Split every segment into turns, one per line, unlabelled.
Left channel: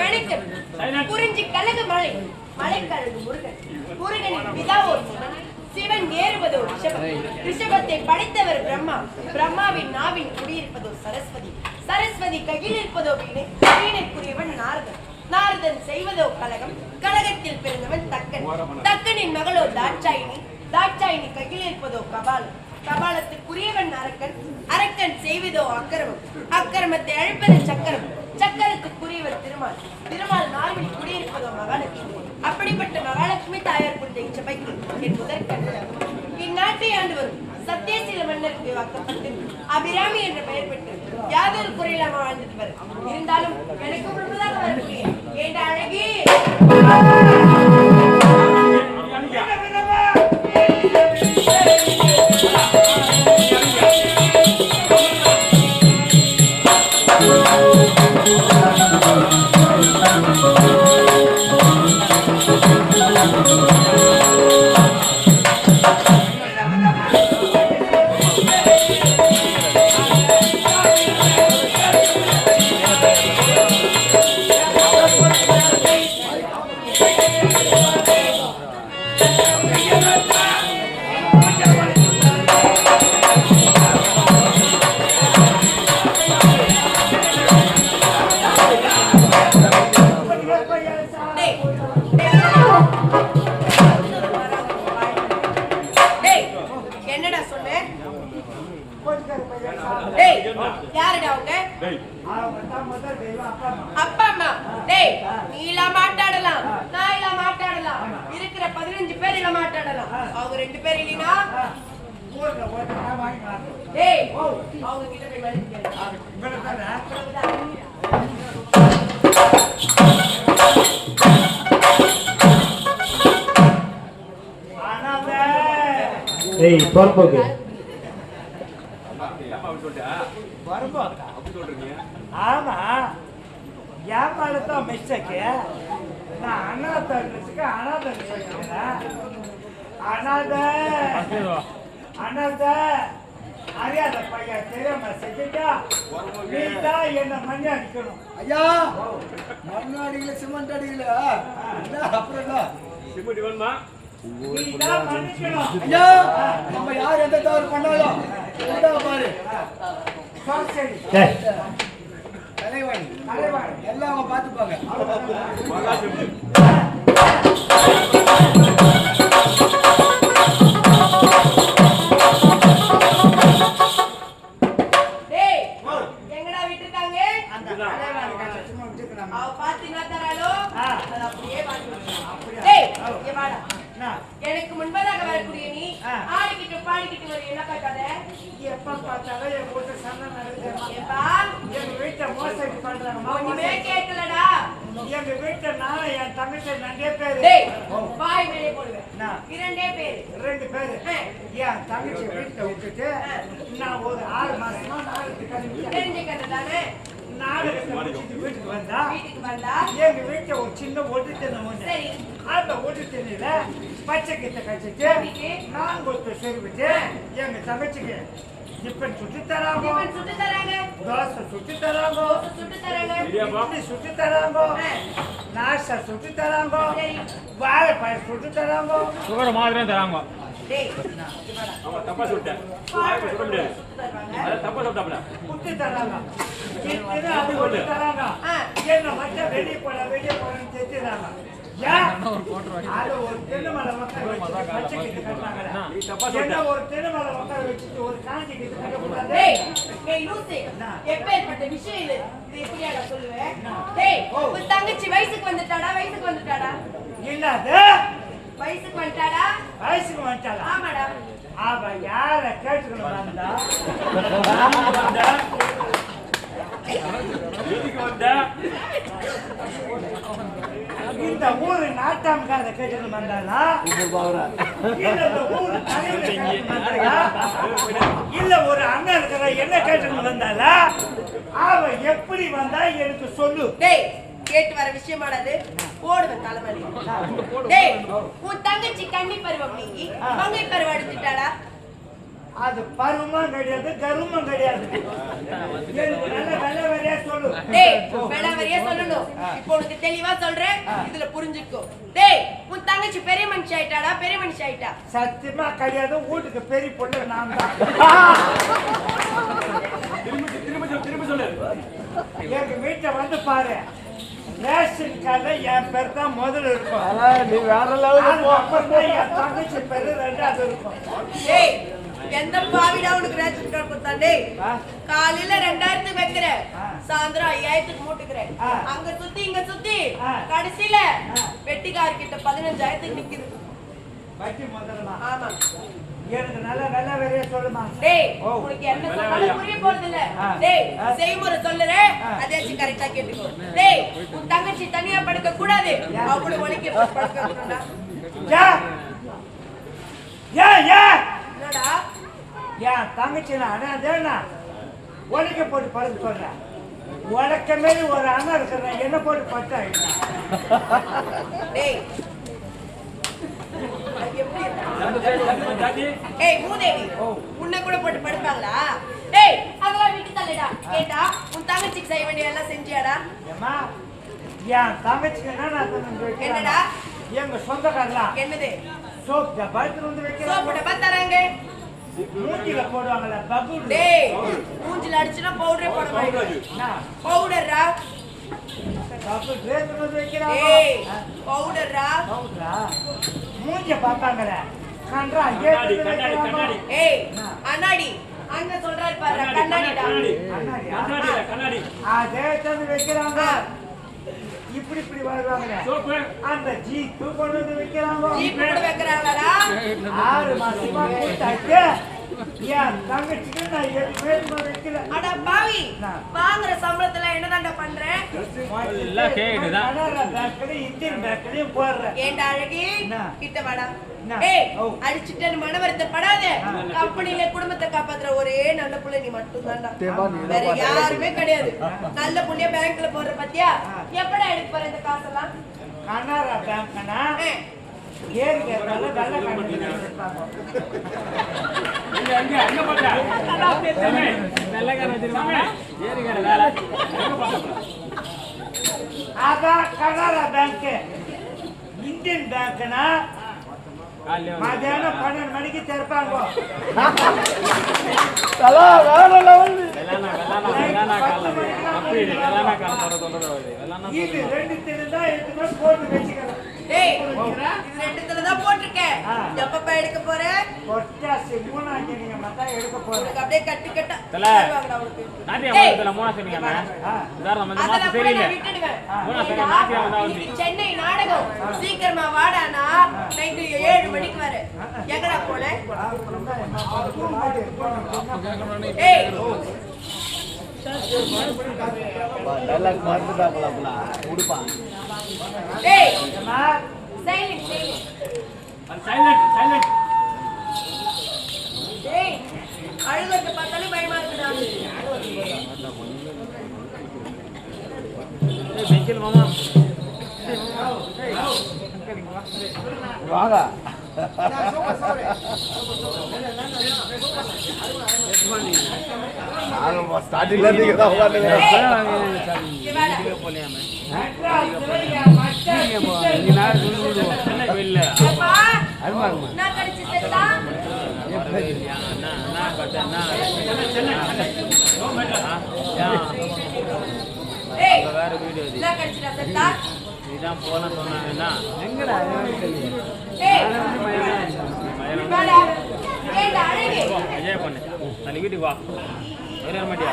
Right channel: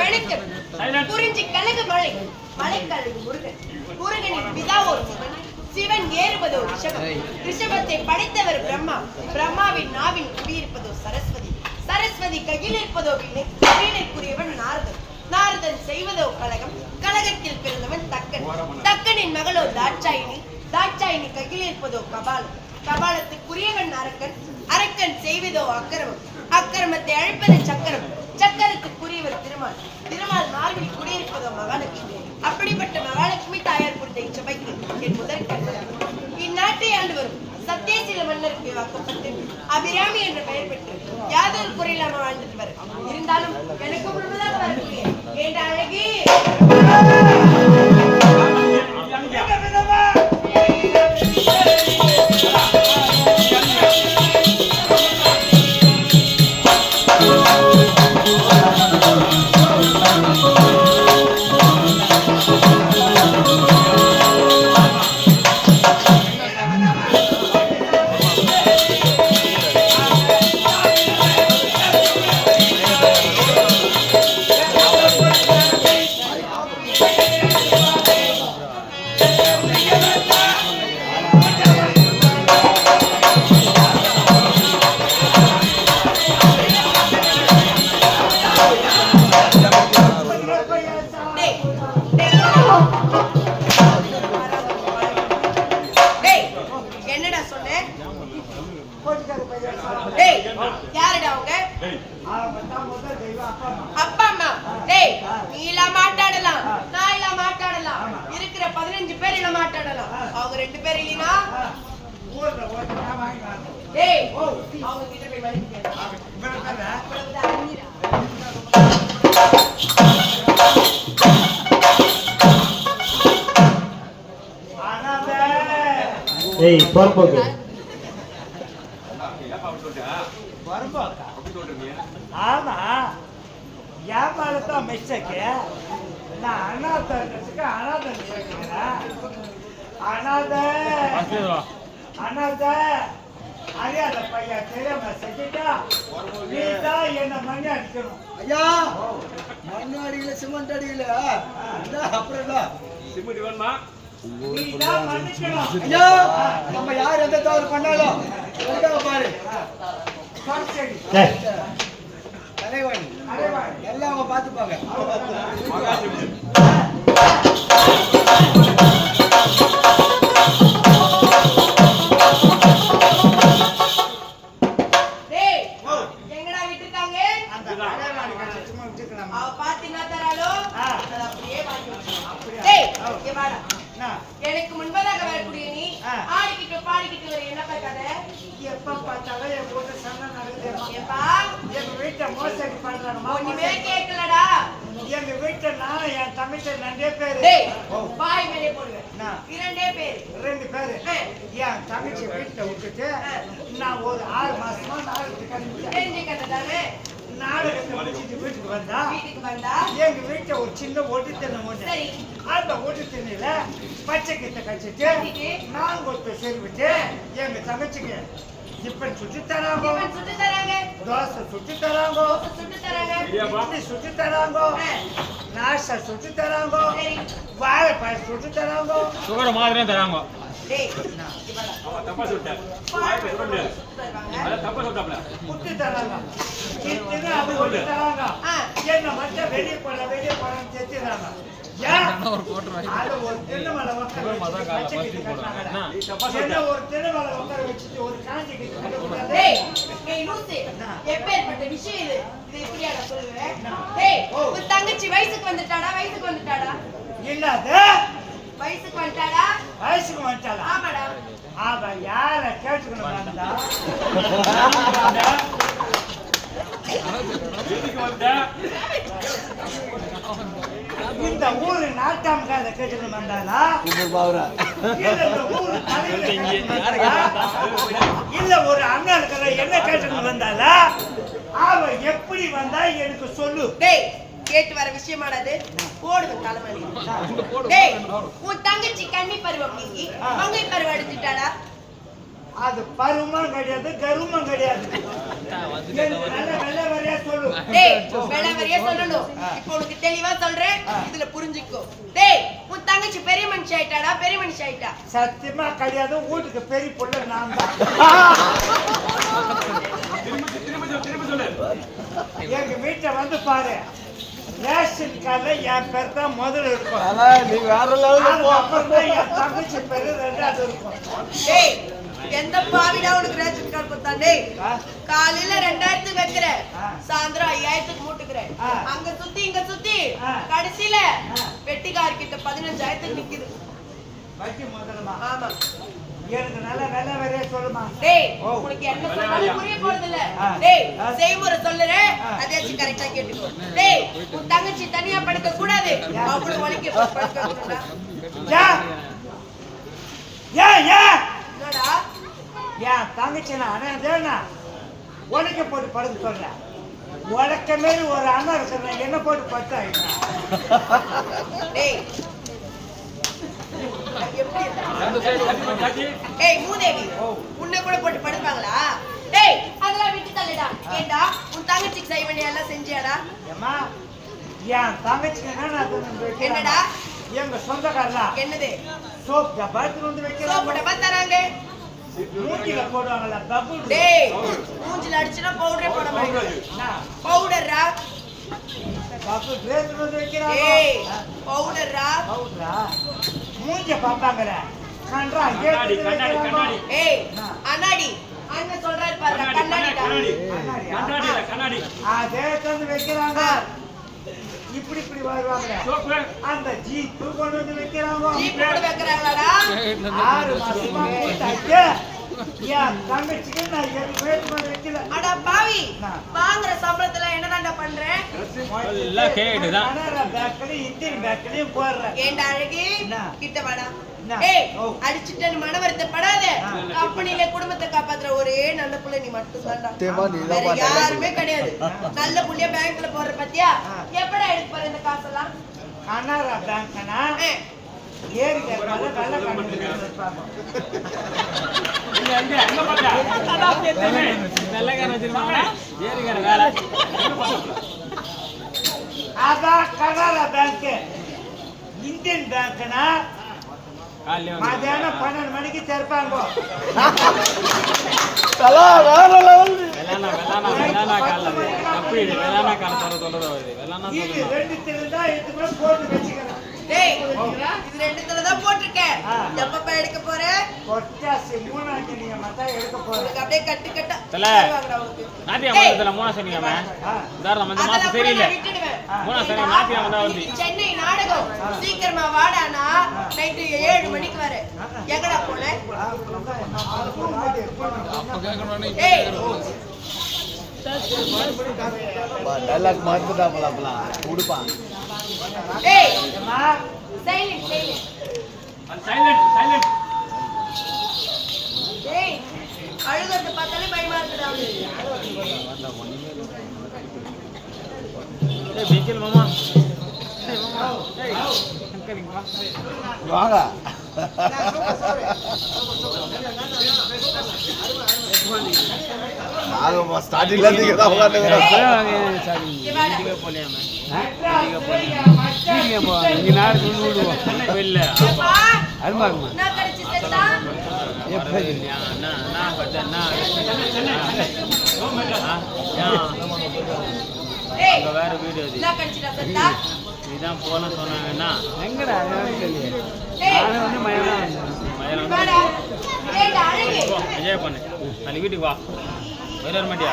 வணக்கம் குறிஞ்சி கழகு மலை. கலகு முருகன். முருகனின் பிதா ஒரு சிவன். சிவன் ஏறுவதோ ரிஷபம். ரிஷபத்தை படைத்தவர் பிரம்மா. பிரம்மாவின் நாவின் குடியிருப்பதோ சரஸ்வதி. சரஸ்வதி கையில் இருப்பதோ வீணை. வீணைக்குரியவன் நாரதன். நாரதன் செய்வதோ கழகம் கழகத்தில் பிறந்தவன் தக்கன். தக்கனின் மகளோ தாட்சாயினி. தாட்சாயினி கையில் இருப்பதோ கபாலம் கபாலத்துக்குரியவன் அரக்கன் அரக்கன் செய்வதோ அக்கிரமம். அக்கிரமத்தை அழைப்பது சக்கரம். சக்கரத்துக்குரியவர் திருமால். திருமால் மார்பில் குடியிருப்பதோ மகாலட்சுமி. அப்படிப்பட்ட மகாலட்சுமி தாயார் குறித்த இச்சபைக்கு என் முதற் இந்நாட்டை ஆண்டு வரும் சத்தியசீல மன்னருக்கு வாக்கப்பட்டு அபிராமி என்ற பெயர் பெற்று யாதொரு குறையில்லாம வாழ்ந்துட்டு வரும் இருந்தாலும் எனக்கு முழுவதாக வரக்கூடிய ஏண்ட அழகி! அவங்க ரெண்டு பேர் இல்லைனா டேய் அவங்க கிட்ட போய் கேளு.
ஏய் பொறுப்போக்கு
ஆமா. வியாபாரத்தான் மிஸ்டேக்கு நான் அனாதத்துக்கு அனாதை கேட்கிறேன் அனாத. அனாத. அறியாத பையன் தெரியாம செஞ்சுட்டா நீ தான் என்ன மண்ணி அடிக்கணும்.
ஐயா மண்ணு அடிக்கல சிமெண்ட் அடிக்கல. என்ன அப்புறம் என்ன
நீ தான் மன்னிக்கணும்.
ஐயா நம்ம யார் எந்த தவறு பண்ணாலும் பாரு.
அடைவாய்.
எல்லாம் அவங்க பார்த்துப்பாங்க.
எப்ப பார்த்தாலும் என் வீட்டு சண்டை நடக்குது.
ஏப்பா
எங்க வீட்டை மோசடி பண்றாங்க.
ஒண்ணுமே கேட்கலடா.
எங்க வீட்டை நானும் என் தங்கச்சி ரெண்டே பேரு.
டேய் வாய் மேலே போடுவேன்.
என்ன?
இரண்டே பேரு.
ரெண்டு பேரு. என் தங்கச்சி வீட்டை விட்டுட்டு நான் ஒரு ஆறு மாசமா
தானே
முடிச்சிட்டு வீட்டுக்கு வந்தா
வீட்டுக்கு வந்தா?
எங்க வீட்டை ஒரு சின்ன ஒட்டு தின்ன அந்த ஒட்டு திண்ணையில பச்சை கிட்ட கழிச்சிட்டு. நான் கொத்து செருவிட்டு எங்க தங்கச்சிக்கு இப்ப சுட்டு தராங்க.
டிஃபன் சுட்டு தராங்க.
தோசை சுட்டு தராங்க.
சுட்டு தராங்க.
இட்லி சுட்டு தராங்க. நாசா சுட்டு தராங்க.
சரி.
வாழைப்பழம் சுட்டு தராங்க.
சுகர் மாதிரி தராங்க. தப்பா சொல்லிட்டேன்.
வாழைப்பழம்
சொல்ல முடியாது
சுட்டு தருவாங்க.
அதான் தப்பா சொல்லிட்டாப்ல
புட்டு தராங்க. என்ன மட்டும் வெளியே போட வெளியே போடன்னு தெரிஞ்சுறாங்க
தங்கச்சி வயசுக்கு வந்துட்டாடா வயசுக்கு வந்துட்டாடா?
இல்லாத
வயசுக்கு வந்துட்டாடா?
வயசுக்கு வந்துட்டாளா?
ஆமாடா.
அவ யார கேட்டுக்கணும் வந்தா.
வந்த?
இந்த ஊரு நாட்டாமக்கார கேட்டுக்கணும் வந்தாளா? இல்ல இந்த ஊரு இல்ல ஒரு அண்ணன் இருக்கிற என்ன கேட்டுக்கணும் வந்தாளா? அவ எப்படி வந்தா எனக்கு சொல்லு.
டேய் கேட்டு வர விஷயமானது போடுவேன் தலைமலி. டேய் உன் தங்கச்சி கன்னி பருவம் நீங்கி மங்கை பருவம் அடிச்சுட்டாளா?
அது பருவமும் கிடையாது கருமம் கிடையாது. நல்ல வெள்ளை வரையா சொல்லு.
டேய் வேளாவரியா சொல்லணும். இப்போ உனக்கு தெளிவா சொல்றேன். இதுல புரிஞ்சுக்கோ. டேய் உன் தங்கச்சி பெரிய மனுஷி ஆயிட்டாடா பெரிய மனுஷி ஆயிட்டா?
சத்தியமா கிடையாது வீட்டுக்கு பெரிய பொண்ணு நான் தான். எங்க வீட்டை வந்து பாரு. ரேஷன் கார்டில் என் பேர் தான் முதல்ல இருக்கும். அதுக்கப்புறம் தான் என் தங்கச்சி பேரு ரெண்டாவது இருக்கும்.
டேய் எந்த பாவிடா உனக்கு ரேஷன் கார்டு கொடுத்தா டேய்
ஆ?
காலையில ரெண்டாயிரத்துக்கு வைக்கிற. சாயந்தரம் ஐயாயிரத்துக்கு மூட்டுக்கிற
ஆ.
அங்க சுத்தி இங்க சுத்தி. கடைசியில வெட்டிக்கார் கிட்ட பதினஞ்சாயிரத்துக்கு நிக்குது.
வட்டி முதலமா
ஆமா.
எனக்கு நல்ல வெள்ளை வரையா சொல்லுமா
டேய். உனக்கு என்ன சொன்னாலும் புரிய போறது இல்ல. டேய். செய்முறை சொல்லுறேன்.
ஆ.
அதையாச்சும் கரெக்டா கேட்டுக்கோ. டேய் உன் தங்கச்சி தனியா படுக்க கூடாது அவளோட வலிக்க படுக்க கூடாதா
ஏன் ஏன் ஏன்
என்னடா?
என் தங்கச்சி நான் அண்ணா உனக்கு போட்டு படுக்க சொல்றேன். உனக்க மாரி ஒரு அண்ணன் இருக்கிறேன். என்ன போட்டு படுத்தா
கட்டி காட்டி.
ஏய் மூதேவி உன்னை கூட போட்டு படுப்பாங்களா? டேய் அதெல்லாம் விட்டு தள்ளுடா. ஏண்டா உன் தங்கச்சிக்கு செய்ய வேண்டிய எல்லாம் செஞ்சியாடா?
ஏம்மா என் தங்கச்சிக்கு என்ன நான்
என்னடா?
எங்க சொந்தக்காரலாம்
என்னது?
சோப் டப்பா எடுத்துட்டு வந்து
சோப்பு
வைக்கிறாங்க
டப்பா தராங்க.
மூஞ்சில போடுவாங்கல்ல பபுள்
டேய் மூஞ்சில அடிச்சுனா பவுடரே போட மாட்டேன்
என்ன?
பவுடர்ரா
பபுள் ட்ரெஸ் வந்து வைக்கிறாங்க
டேய்
ஆ,
பவுடர்ரா
பவுடரா மூஞ்ச பார்ப்பாங்களே கன்றா
கண்ணாடி கண்ணாடி கண்ணாடி.
ஏய்? அண்ணாடி. அண்ணன் சொல்றாரு பாரு
கண்ணாடி கண்ணாடி
கண்ணாடி.
கண்ணாடி இல்ல, கண்ணாடி.
அதே தந்து வைக்கிறாங்க. இப்படி இப்படி வருவாங்களே
சோப்பு.
அந்த ஜீப்பு கொண்டு வந்து வைக்கிறாங்க. ஆறு மாசமா கூட்டாச்சு என் தங்கச்சிக்கு நான் எதுவுமே எடுத்துட்டு வந்து வைக்கல.
அட பாவி? வாங்குற சம்பளத்துல என்னதான்டா பண்ற?
எல்லாம் கேக்குதுதான்.
கனரா பேங்க்லயும் இந்தியன் பேங்க்லயும் போடுறேன்.
ஏண்டா அழகி? கிட்ட வாடா. அடிச்சுட்டேன்னு மன வருத்தப்படாத. குடும்பத்தை காப்பாத்துற. ஒரே நல்ல புள்ள நீ மட்டும்
தேவா, நீ தான்
வேற. யாருமே கிடையாது. நல்ல புள்ளிய பேங்க்ல போடுற பத்தியா. எப்படா எடுக்க போற இந்த காசெல்லாம்?
கனரா பேங்க்னா. ஏறி வெள்ளை கண்ணு அதான் கனரா பேங்க் இந்தியன் பேங்க்னா மத்தியானம் பன்னெண்டு மணிக்கு திறப்பாங்க. இது ரெண்டு திருந்தா எடுத்துக்கூட போட்டு வச்சுக்கிறேன்.
டேய் இது ரெண்டுத்துல தான் போட்டிருக்கேன். எப்பப்ப எடுக்க போற?
கொட்டாசி மூணாஞ்சு நீங்க மத்தா எடுக்க போறேன்
உனக்கு அப்படியே கட்டு கட்டா
தல. மூணா சொன்னீங்க. உதாரணம் வந்து மாசம் சரியில்லை.
விட்டுடுவேன்.
மூணா சரி வந்தா வந்து
சென்னை நாடகம். சீக்கிரமா வாடானா நைட்டு ஏழு மணிக்கு வர. எங்கடா போன? ஏய் சைலண்ட் சைலண்ட் ஏய் அழுகிறத பார்த்தாலே பயமா இருக்குடா
வாங்க ஸ்டார்டிங்ல இருந்து தான் உட்காந்துக்கிறேன்
வேற வீடியோ இதான் போன சொன்னாங்கன்னா என்ஜாய் பண்ணு நாளைக்கு வீட்டுக்கு வா. வர மாட்டியா?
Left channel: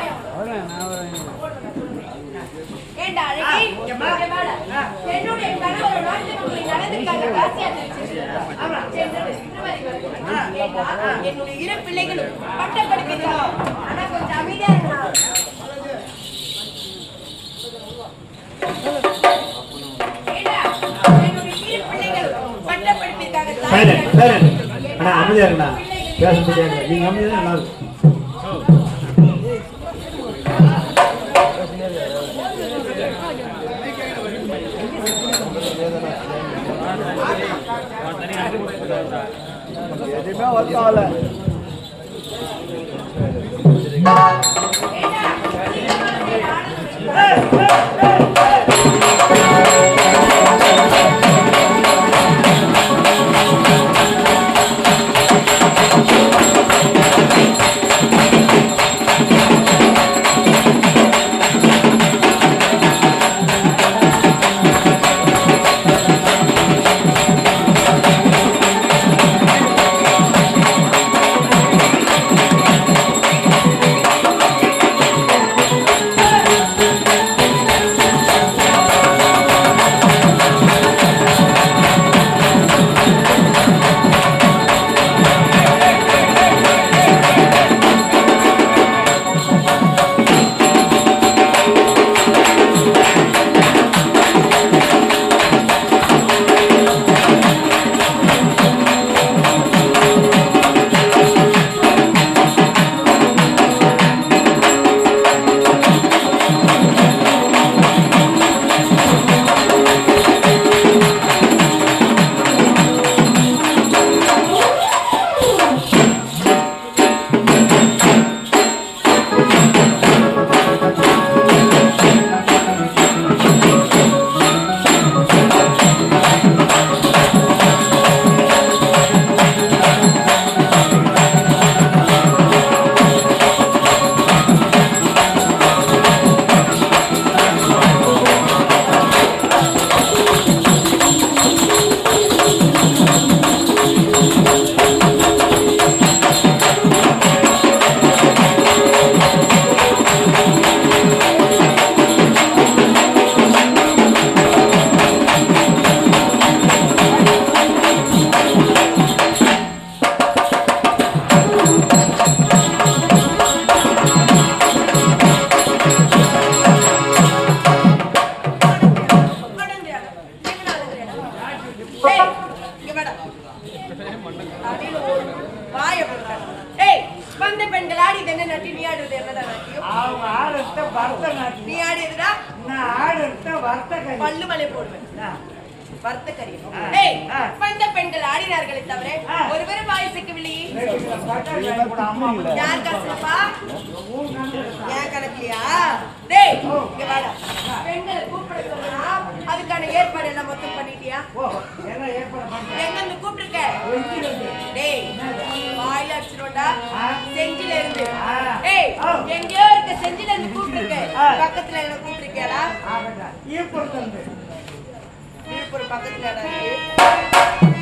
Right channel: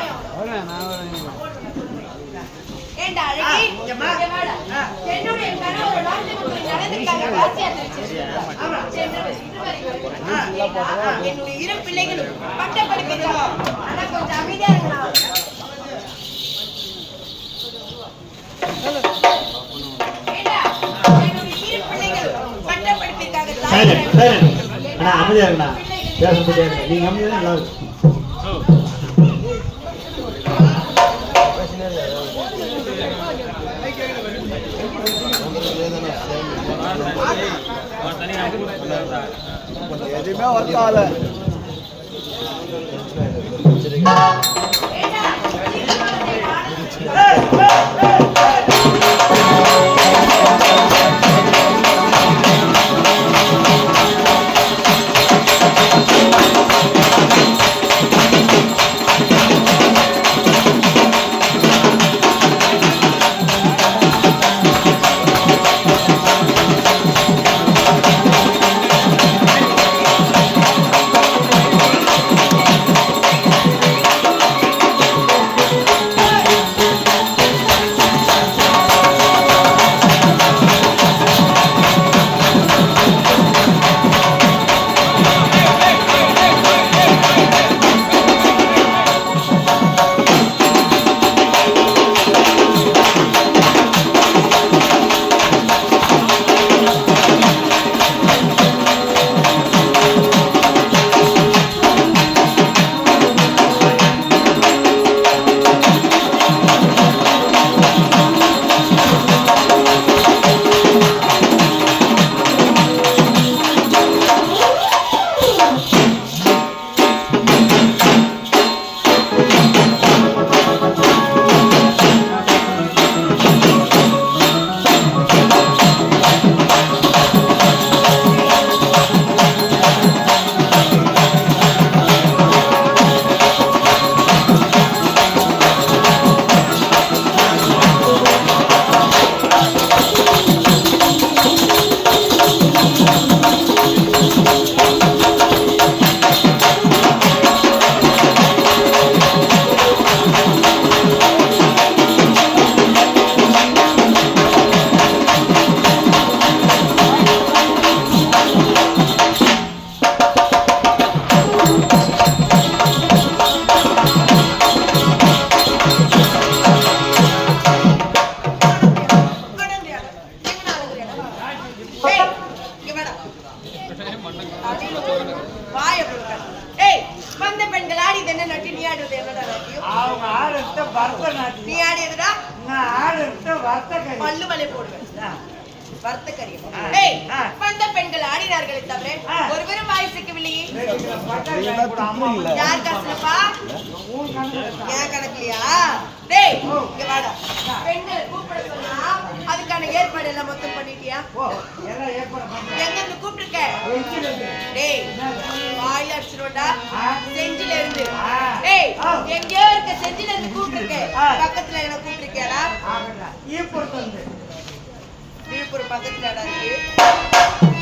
என்னுடைய இரு பிள்ளைகளும் பட்ட படிப்பிருக்காங்க ஆனா கொஞ்சம் அமைதியா இருங்கண்ணா
சரி அண்ணா அமைதியா இருக்கண்ணா பேசுறது கேட்கல நீங்க அமைதியா நல்லா இருக்கும்
ஆடியது என்ன நட்டி நீ ஆடுறது என்னடா நாட்டியம்
அவங்க ஆடுறத
நீ
பரதநாட்டியம்
ஆடியதுடா
நான் ஆடுறத வர்த்தகரி
பல்லு மலை போடுவேன். வர்த்த
ஆ,
ஏய்
ஆ.
வந்த பெண்கள் ஆடினார்களே தவிர. ஒருவரும் வாய் சிக்கவில்லையே? யார் காசுலப்பா. என் கணக்குலயா? டேய் இங்க வாடா. பெண்களை கூப்பிட சொன்னா அதுக்கான ஏற்பாடு எல்லாம் மொத்தம் பண்ணிட்டியா? எங்க கூப்பிட்டுருக்க? டேய் வாய் அடிச்சிரோடா
ஆ.
செஞ்சில இருந்து. டேய். எங்கேயோ இருக்க செஞ்சில இருந்து கூப்பிட்டுருக்க. பக்கத்துல என்ன கூப்பிட்டுருக்கியாடா?
ஈப்புறது வந்து.
விழுப்புரம் பக்கத்துலடா இருக்கு.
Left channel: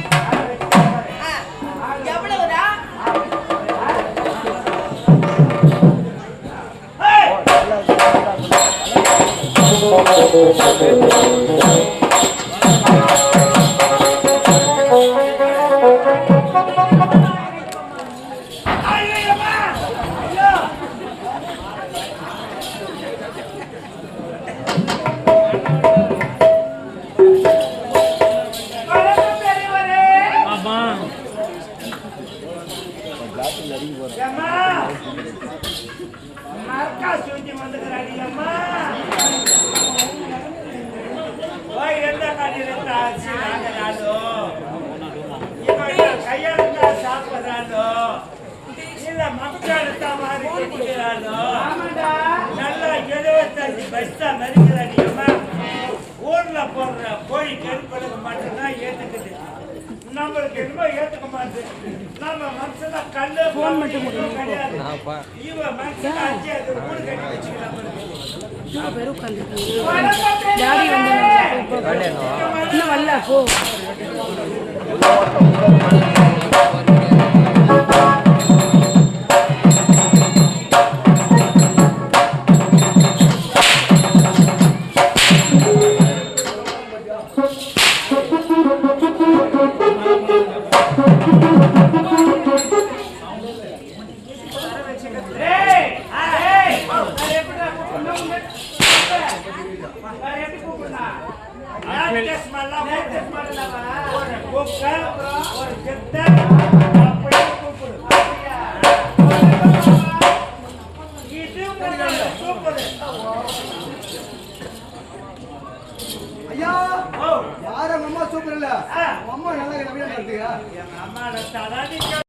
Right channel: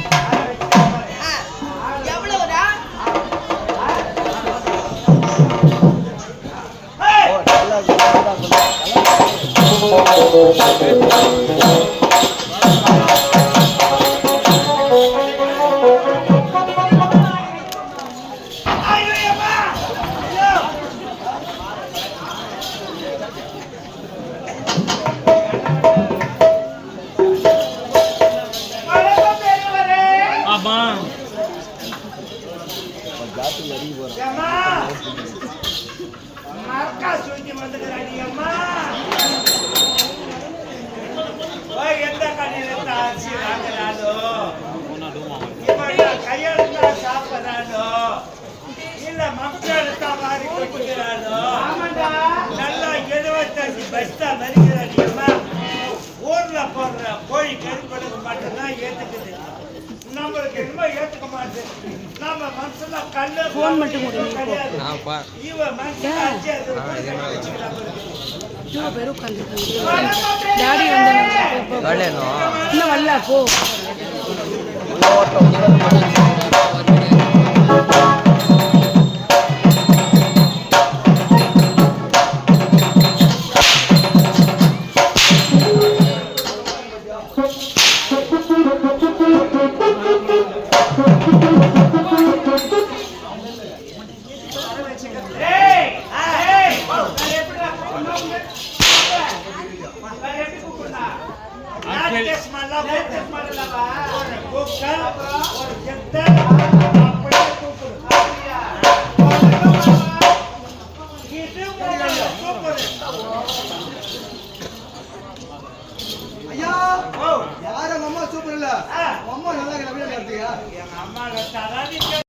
ஐயோ அம்மா. ஐயோ வணக்கம் பெரியவரே
ஆமா
அம்மா மரக்கா சுத்தி வந்துக்கிறாடி அம்மா ஓய் எந்த கடையில் அரிசி வாங்குறாளோ கையெழுத்தா சாப்பிட்றாளோ இல்ல மக்களுக்கா மாறி கொட்டுகிறாளோ நல்லா எழுபத்தஞ்சு பஸ்தா மறிக்கிறாடி அம்மா ஊர்ல போடுற கோழி கருப்பெடுக்க மட்டும்தான் ஏத்துக்குது நம்மளுக்கு என்னமோ ஏத்துக்க மாட்டேன் நம்ம மனசுல கல்லு போன் மட்டும் கிடையாது இவன் அஞ்சு அது ஊடு
எவ்வளோ பேர் உட்காந்துருக்காங்க டாடி வந்தாங்க இப்போ இன்னும் வரல போ
Hey! Hey!
Hey!
ஐயா யாரும் அம்மா சூப்பர் இல்ல? அம்மா நல்லா இருக்கிற அப்படியே நடத்துக்கா